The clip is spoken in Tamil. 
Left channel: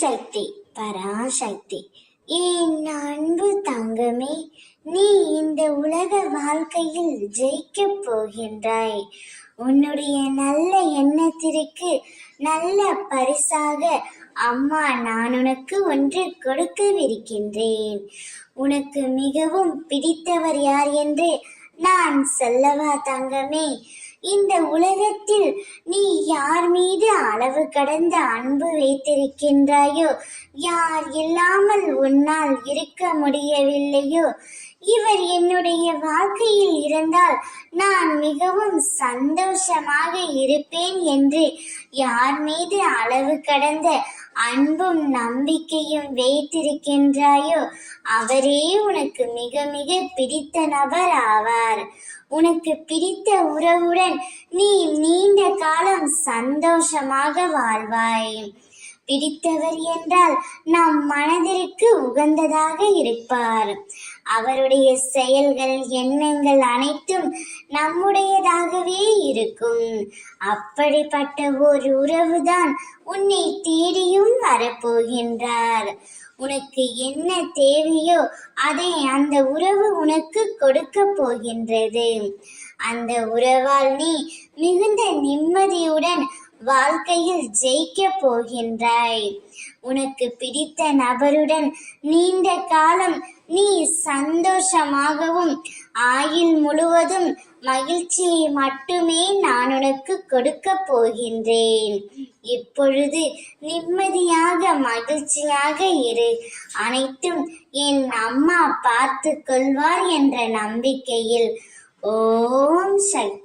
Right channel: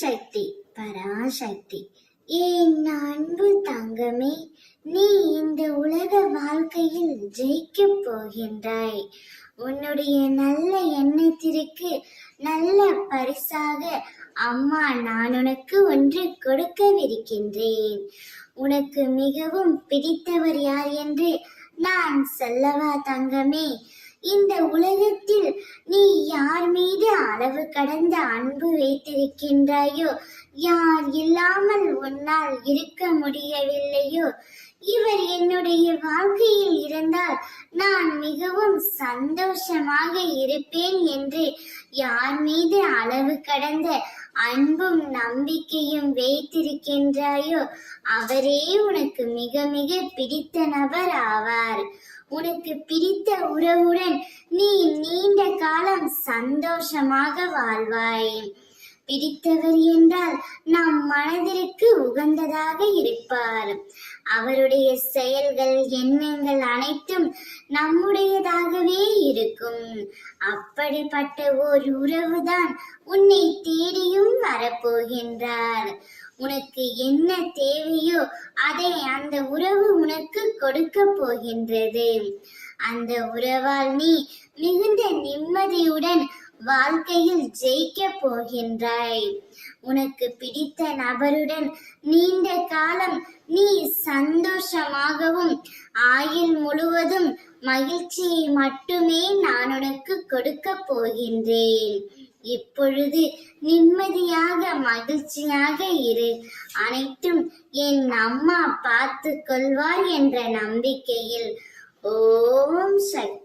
சக்தி பராசக்தி. என் அன்பு தங்கமே, நீ இந்த உலக வாழ்க்கையில் ஜெயிக்கப் போகின்றாய். உன்னுடைய நல்ல எண்ணத்திற்கு நல்ல பரிசாக அம்மா நான் உனக்கு ஒன்று கொடுக்கவிருக்கின்றேன். உனக்கு மிகவும் பிடித்தவர் யார் என்று நான் சொல்லவா தங்கமே? இந்த உலகத்தில் நீ யார் மீது அளவு கடந்த அன்பு வைத்திருக்கின்றாயோ, யார் இல்லாமல் உன்னால் இருக்க முடியவில்லையோ, இவர் என்னுடைய வாழ்க்கையில் இருந்தால் நான் மிகவும் சந்தோஷமாக இருப்பேன் என்று யார் மீது அளவு கடந்த அன்பும் நம்பிக்கையும் வைத்திருக்கின்றாயோ, அவரே உனக்கு மிக மிக பிடித்த நபர் ஆவார். உனக்கு பிடித்த உறவுடன் நீ நீண்ட காலம் சந்தோஷமாக வாழ்வாய். பிடித்தவர் என்றால் நம் மனதிற்கு உகந்ததாக இருப்பார். அவருடைய செயல்கள் எண்ணங்கள் அனைத்தும் நம்முடையதாகவே இருக்கும். அப்படிப்பட்ட ஒரு உறவுதான் உன்னை தேடியும் வரப்போகின்றார். உனக்கு என்ன தேவையோ அதை அந்த உறவு உனக்கு கொடுக்க போகின்றது. அந்த உறவால் நீ மிகுந்த நிம்மதியுடன் வாழ்க்கையில் ஜெயிக்க போகின்றாய். உனக்கு பிடித்த நபருடன் நீண்ட காலம் நீ சந்தோஷமாகவும் ஆயுள் முழுவதும் மகிழ்ச்சியை மட்டுமே நான் உனக்கு கொடுக்க போகின்றேன். இப்பொழுது நிம்மதியாக மகிழ்ச்சியாக இரு. அனைத்தும் என் அம்மா பார்த்து கொள்வார் என்ற நம்பிக்கையில். ஓம் சக்தி.